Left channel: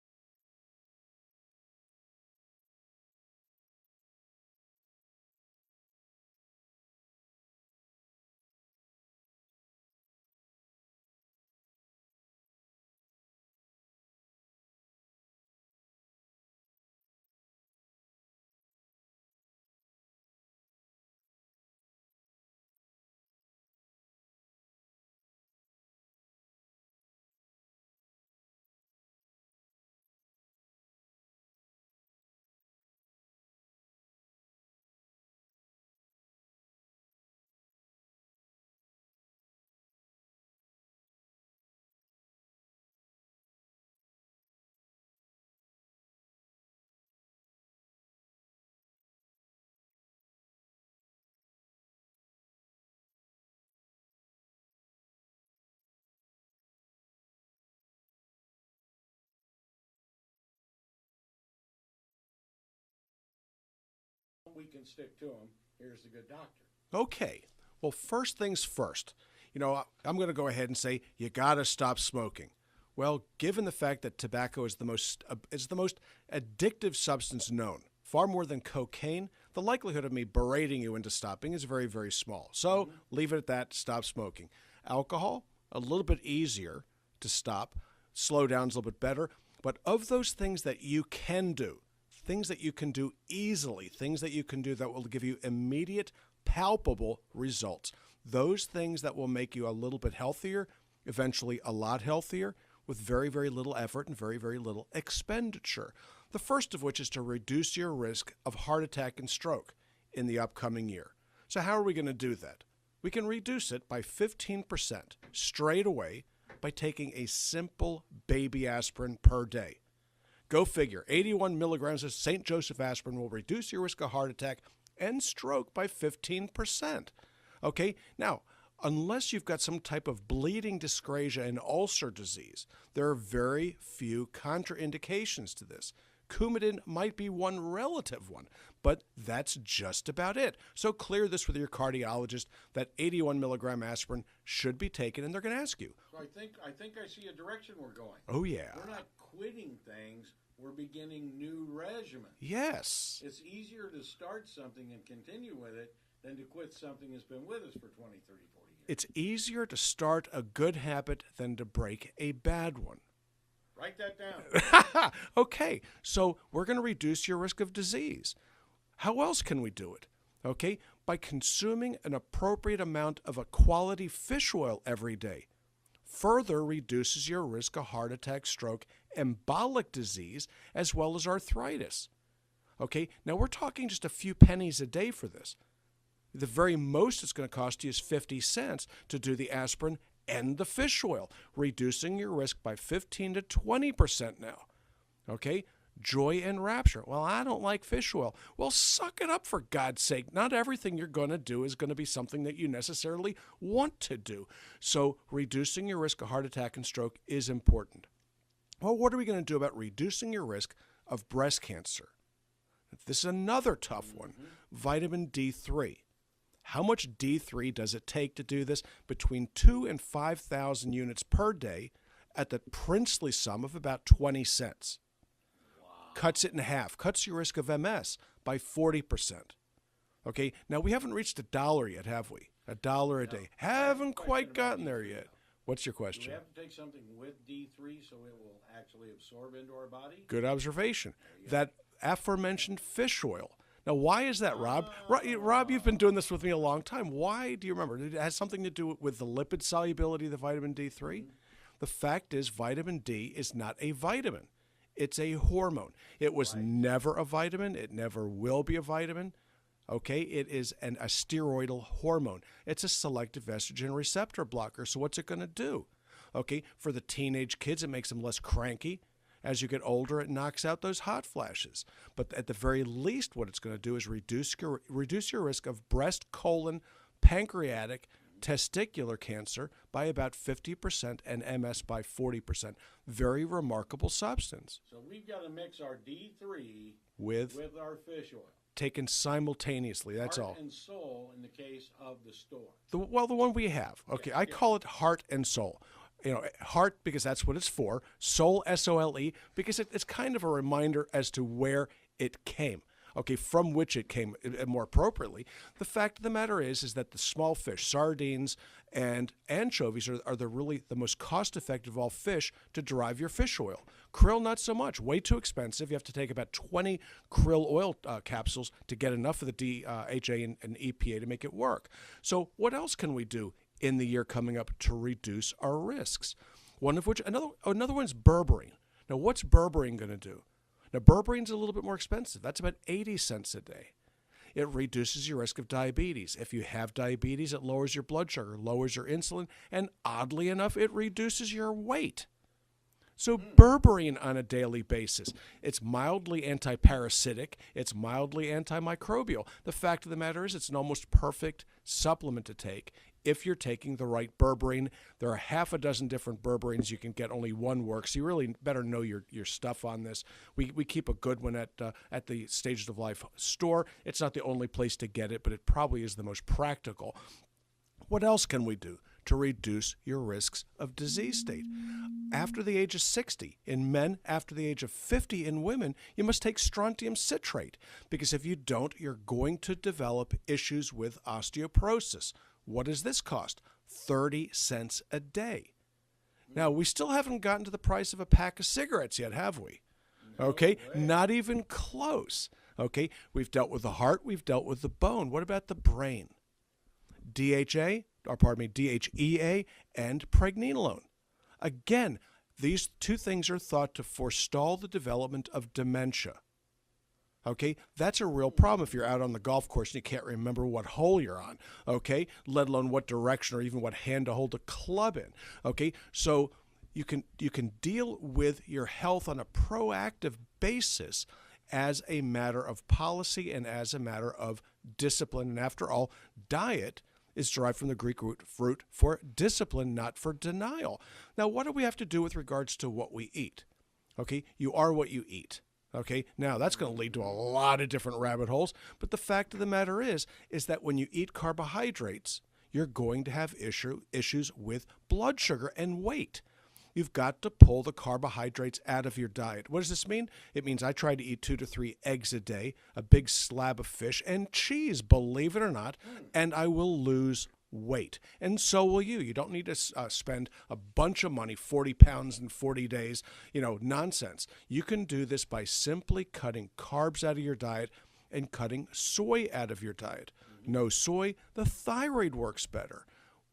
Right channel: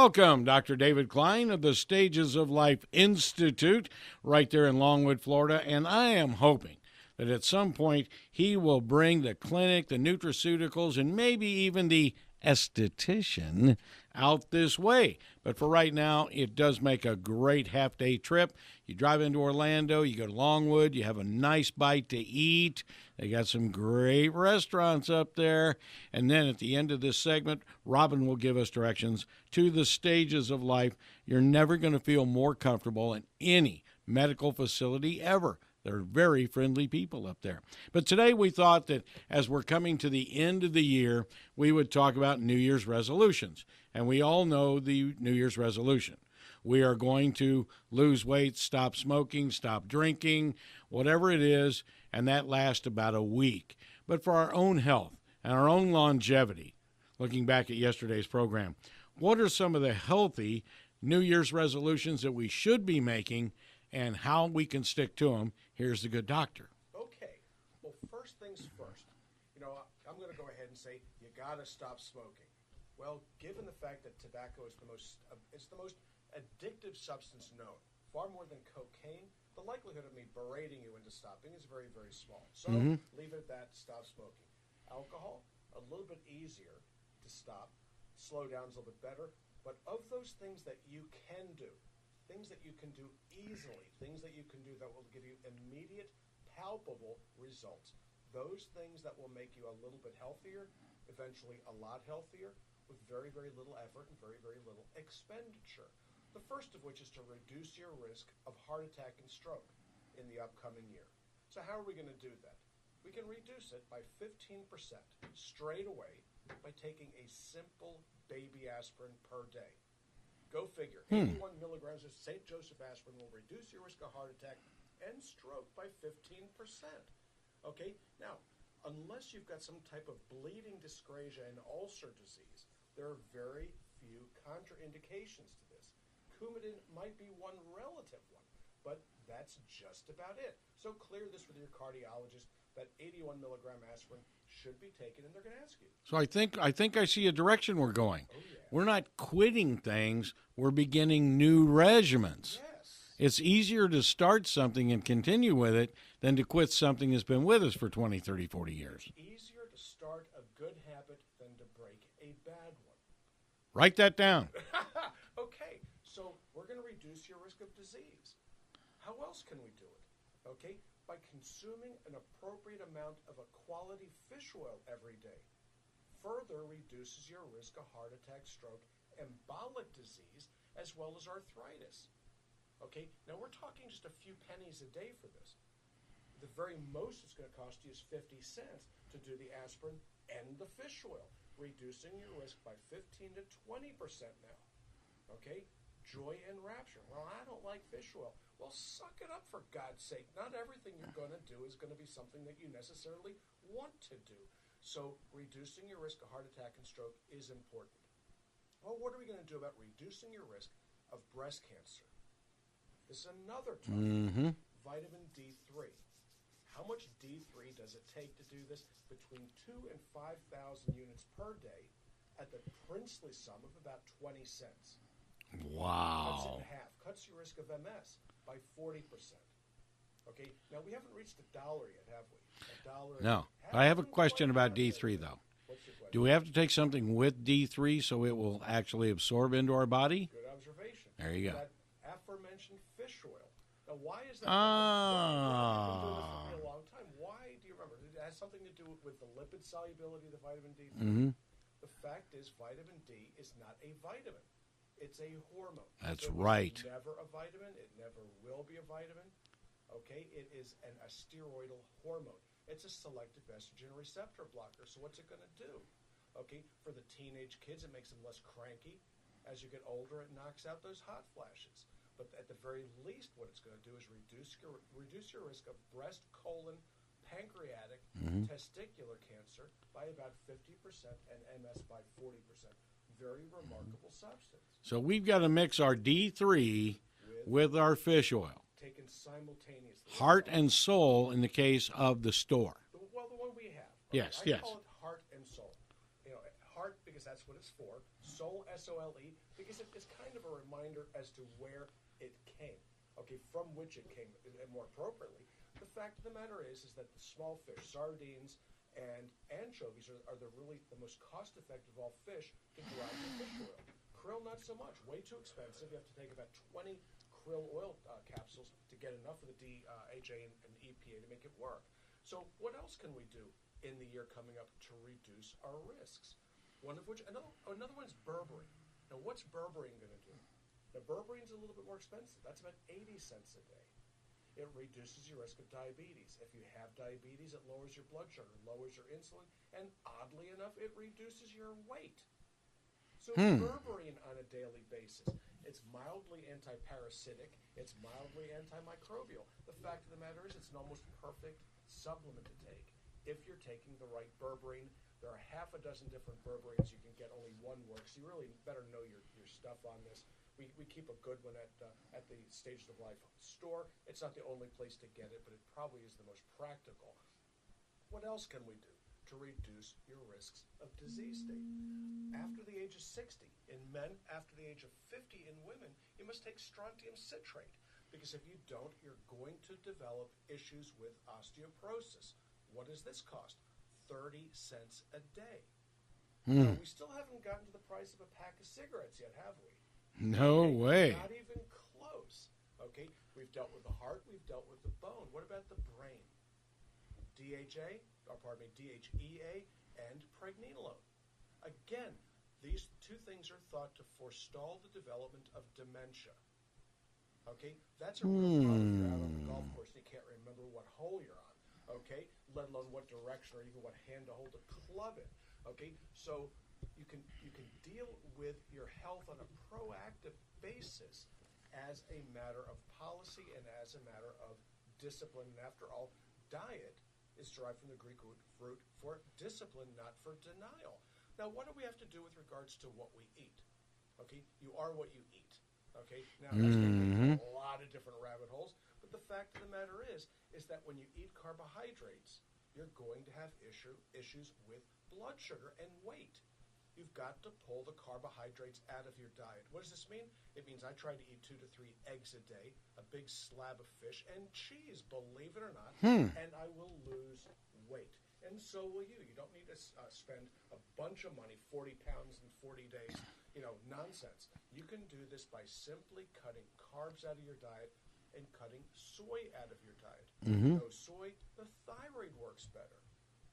Welcome, Dr. David Klein of the Stages of Life Institute right there in Longwood, Florida, and I am hoping that at some point he will bring the clinic, the nutraceuticals, and maybe even the esthetician out this way. But for right now, it does make a great half-day trip. You drive into Orlando, you go to Longwood, you have a nice bite to eat. They got some great restaurants up there. And then at the end of this segment, Robin will give us directions to the Stages of Life. You're never going to feel more comfortable in any medical facility ever. They're very friendly people up there. But today we thought that as we're coming to the end of the year, we would talk about New Year's resolutions. And we all know the New Year's resolution. We are going to lose weight, stop smoking, stop drinking, whatever it is, and that lasts about a week. But for our own health and our own longevity, looking back at yesterday's program, what are some of the healthy New Year's resolutions that we should be making and how we can stick to them? Here's the good doctor. Okay. Well, first things first. I'm going to go ahead and say you got to stop smoking. Well, given the fact that tobacco is the most addictive substance known, far more than cocaine, the likelihood of me berating you into stopping is very, very small. So leave it at that. Stop smoking. Alcohol, a little bit easier to stop. Slow down's a little bit better. But of those things that you can do, things that you can do easily, things that you can do that will give you immediate, palpable results, those things that will make you a little bit healthier, eventually a lot healthier, with very, very little effort and very, very little expenditure. The first of which is to reduce your risk of heart attack and stroke in the upcoming year. So how are we going to do that? We can reduce it by 15% straight away by taking a simple baby aspirin per day. Go figure. 81 milligrams of St. Joseph aspirin will reduce your risk of heart attack and stroke by 15%. Okay? Now, unless you've got some type of bleeding dyscrasia and ulcer disease, there are very few contraindications to this. Coumadin might be one relative one, but that's just about it. So clear this with your cardiologist that 81 milligram aspirin should be taken, and they're going to ask you. So I think I see a direction we're going. Oh, yeah. We're not quitting things. We're beginning new regimens. Yes. It's easier to start something and continue with it than to quit something that's been with us for 20, 30, 40 years. It's easier to start a good habit than to break a bad one. Write that down. Okay, so we're going to reduce your risk of disease. How else can we do it? Okay, by consuming an appropriate amount of a quality fish oil every day. Further reduces your risk of heart attack, stroke, embolic disease, as well as arthritis. Okay, now we're talking just a few pennies a day for this. The very most it's going to cost you is 50 cents to do the aspirin and the fish oil, reducing your risk by 15 to 20% now. Okay? Joy and rapture. Well, I don't like fish oil. Well, suck it up, for God's sake. Not everything you're going to do is going to be something that you necessarily want to do. So reducing your risk of heart attack and stroke is important. Well, what are we going to do about reducing your risk of breast cancer? This is another tough one. Vitamin D3. How much D3 does it take to do this? Between 2,000 and 5,000 units per day at the princely sum of about 20 cents. Wow. Cuts it in half. Cuts your risk of MS by 40%. Okay, now we haven't reached $1 yet, have we? $1 a day. I have a question about D3, though. What's your question? Do we have to take something with D3 so it will actually absorb into our body? Good observation. There you go. That aforementioned fish oil. Now, why is that, Rob? Rob, you've been doing this with me a long time. Why do you remember? It has something to do with the lipid solubility of the vitamin D3. The fact is, vitamin D is not a vitamin. It's a hormone. It was never a vitamin. It never will be a vitamin. Okay? It is a steroidal hormone. It's a selective estrogen receptor blocker. So what's it going to do? Okay? For the teenage kids, it makes them less cranky. As you get older, it knocks out those hot flashes. But at the very least, what it's going to do is reduce your risk of breast, colon, pancreatic, testicular cancer by about 50% and MS by 40%. Very remarkable substance. So we've got to mix our D3 with our fish oil. Taken simultaneously. Heart and soul in the case of the store. The one we have. Okay, Yes, I call it heart and soul. heart, because that's what it's for. Soul, S-O-L-E, because it's kind of a reminder as to where it came. Okay, from which it came, more appropriately. The fact of the matter is that the small fish, sardines and anchovies, are the most cost-effective of all fish to derive your fish oil. Krill, not so much. Way too expensive. You have to take about 20 krill oil capsules to get enough of the DHA and EPA to make it work. So what else can we do in the year coming up to reduce our risks? One of which, another one's berberine. Now, what's berberine going to do? Now, berberine's a little bit more expensive. That's about 80 cents a day. It reduces your risk of diabetes. If you have diabetes, it lowers your blood sugar, lowers your insulin, and oddly enough, it reduces your weight. So berberine on a daily basis, it's mildly antiparasitic, it's mildly antimicrobial. The fact of the matter is it's an almost perfect supplement to take if you're taking the right berberine. There are half a dozen different berberines you can get. Only one works. You really better know your stuff on this. We keep a good one at the Stages of Life store. It's not the only place to get it, but it probably is the most practical. What else can we do to reduce your risks of disease state? After the age of 60 in men, after the age of 50 in women, you must take strontium citrate, because if you don't, you're going to develop issues with osteoporosis. What does this cost? 30 cents a day. Now, we still haven't gotten to the price of a pack of cigarettes yet, have we? No way. Not even close. Okay, we've dealt with the heart, we've dealt with the bone. What about the brain? DHEA, and pregnenolone. Again, these two things are thought to forestall the development of dementia. Okay, that's a real problem if you're out on the golf course and you can't remember what hole you're on, okay, let alone what direction or even what hand to hold a club in. Okay, so you can deal with your health on a proactive basis as a matter of policy and as a matter of discipline. And after all, diet is derived from the Greek root for discipline, not for denial. Now, what do we have to do with regards to what we eat? Okay, you are what you eat. Okay, now that's going to lead to a lot of different rabbit holes. But the fact of the matter is that when you eat carbohydrates, you're going to have issues with blood sugar and weight. You've got to pull the carbohydrates out of your diet. What does this mean? It means I try to eat 2 to 3 eggs a day, a big slab of fish, and cheese, believe it or not, and I will lose weight. And so will you. You don't need to spend a bunch of money, 40 pounds in 40 days, nonsense. You can do this by simply cutting carbs out of your diet and cutting soy out of your diet. No soy, the thyroid works better.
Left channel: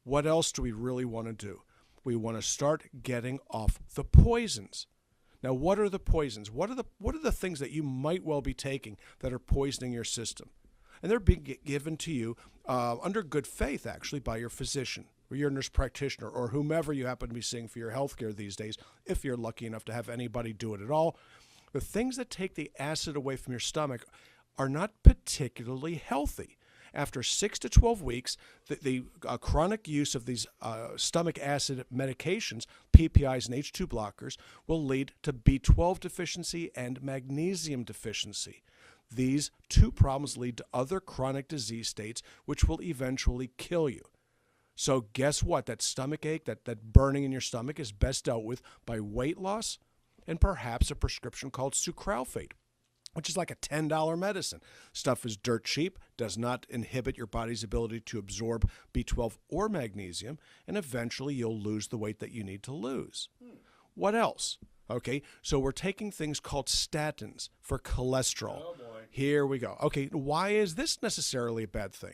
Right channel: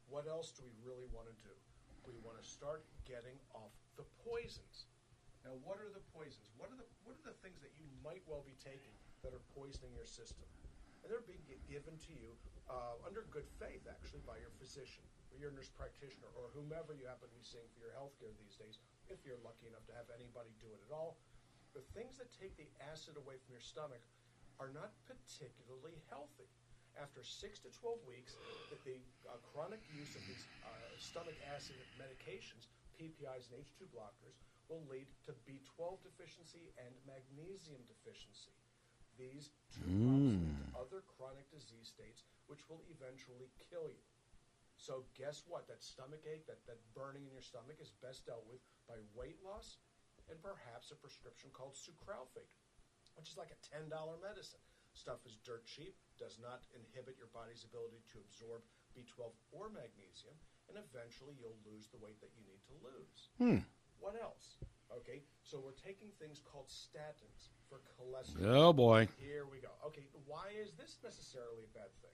What else do we really want to do? We want to start getting off the poisons. Now, what are the poisons? What are the things that you might well be taking that are poisoning your system? And they're being given to you under good faith, actually, by your physician or your nurse practitioner or whomever you happen to be seeing for your health care these days, if you're lucky enough to have anybody do it at all. The things that take the acid away from your stomach are not particularly healthy. After 6 to 12 weeks, the chronic use of these stomach acid medications, PPIs and H2 blockers, will lead to B12 deficiency and magnesium deficiency. These two problems lead to other chronic disease states, which will eventually kill you. So guess what? That stomach ache, that burning in your stomach is best dealt with by weight loss and perhaps a prescription called sucralfate, which is like a $10 medicine. Stuff is dirt cheap, does not inhibit your body's ability to absorb B12 or magnesium, and eventually you'll lose the weight that you need to lose. What else? Okay, so we're taking things called statins for cholesterol. Oh, boy. Here we go. Okay, why is this necessarily a bad thing?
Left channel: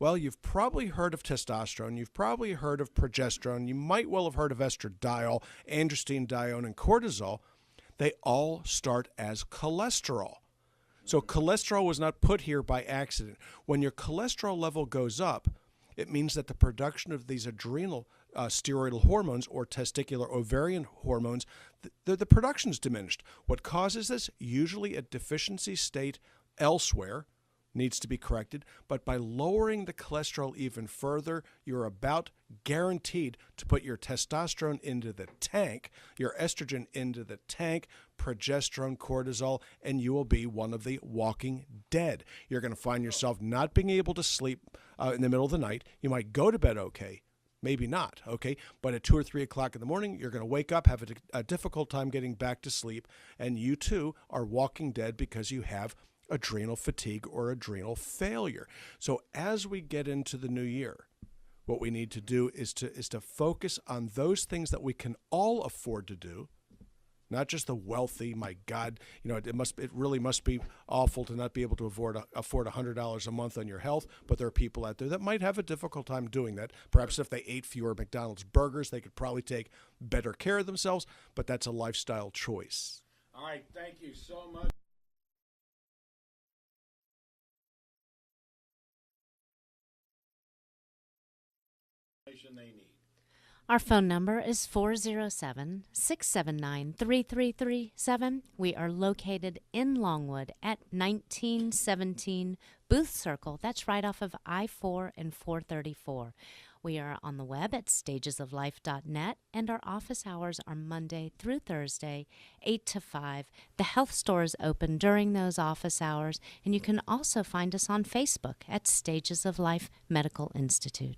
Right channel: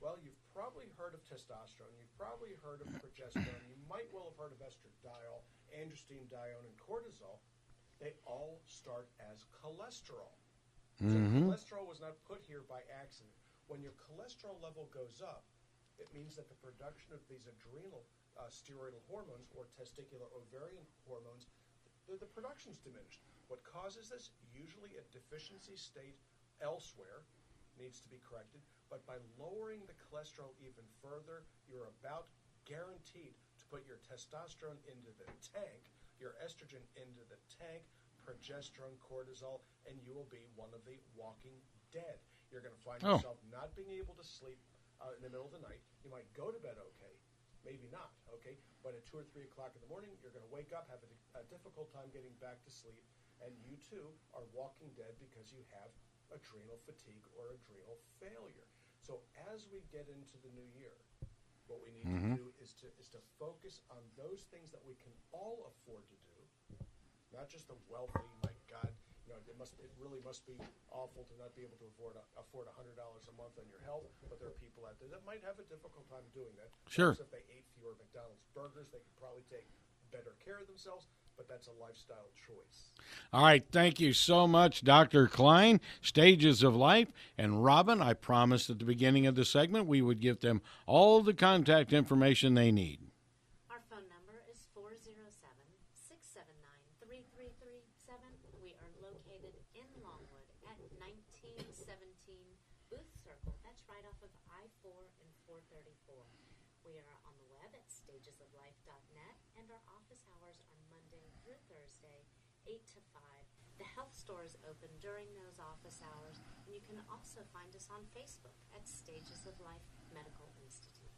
Well, you've probably heard of testosterone. You've probably heard of progesterone. You might well have heard of estradiol, androstenedione, and cortisol. They all start as cholesterol. So cholesterol was not put here by accident. When your cholesterol level goes up, it means that the production of these adrenal steroidal hormones or testicular ovarian hormones, the production's diminished. What causes this? Usually a deficiency state elsewhere needs to be corrected, but by lowering the cholesterol even further, you're about guaranteed to put your testosterone into the tank, your estrogen into the tank, progesterone, cortisol, and you will be one of the walking dead. You're going to find yourself not being able to sleep in the middle of the night. You might go to bed okay, Maybe not, okay? But at 2 or 3 o'clock in the morning, you're going to wake up, have a difficult time getting back to sleep, and you too are walking dead because you have adrenal fatigue or adrenal failure. So as we get into the new year, what we need to do is to focus on those things that we can all afford to do. Not just the wealthy. My God, it really must be awful to not be able to afford $100 a month on your health. But there are people out there that might have a difficult time doing that. Perhaps Sure. if they ate fewer McDonald's burgers, they could probably take better care of themselves. But that's a lifestyle choice. All right, thank you so much, Dr. Klein, Stages of Life. And Robin, I promised at the beginning of the segment we would give them all the contact information they need. Our phone number is 407-679-3337. We are located in Longwood at 1917 Booth Circle. That's right off of I-4 and 434. We are on the web at stagesoflife.net, and our office hours are Monday through Thursday, 8 to 5. The health store is open during those office hours, and you can also find us on Facebook at Stages of Life Medical Institute.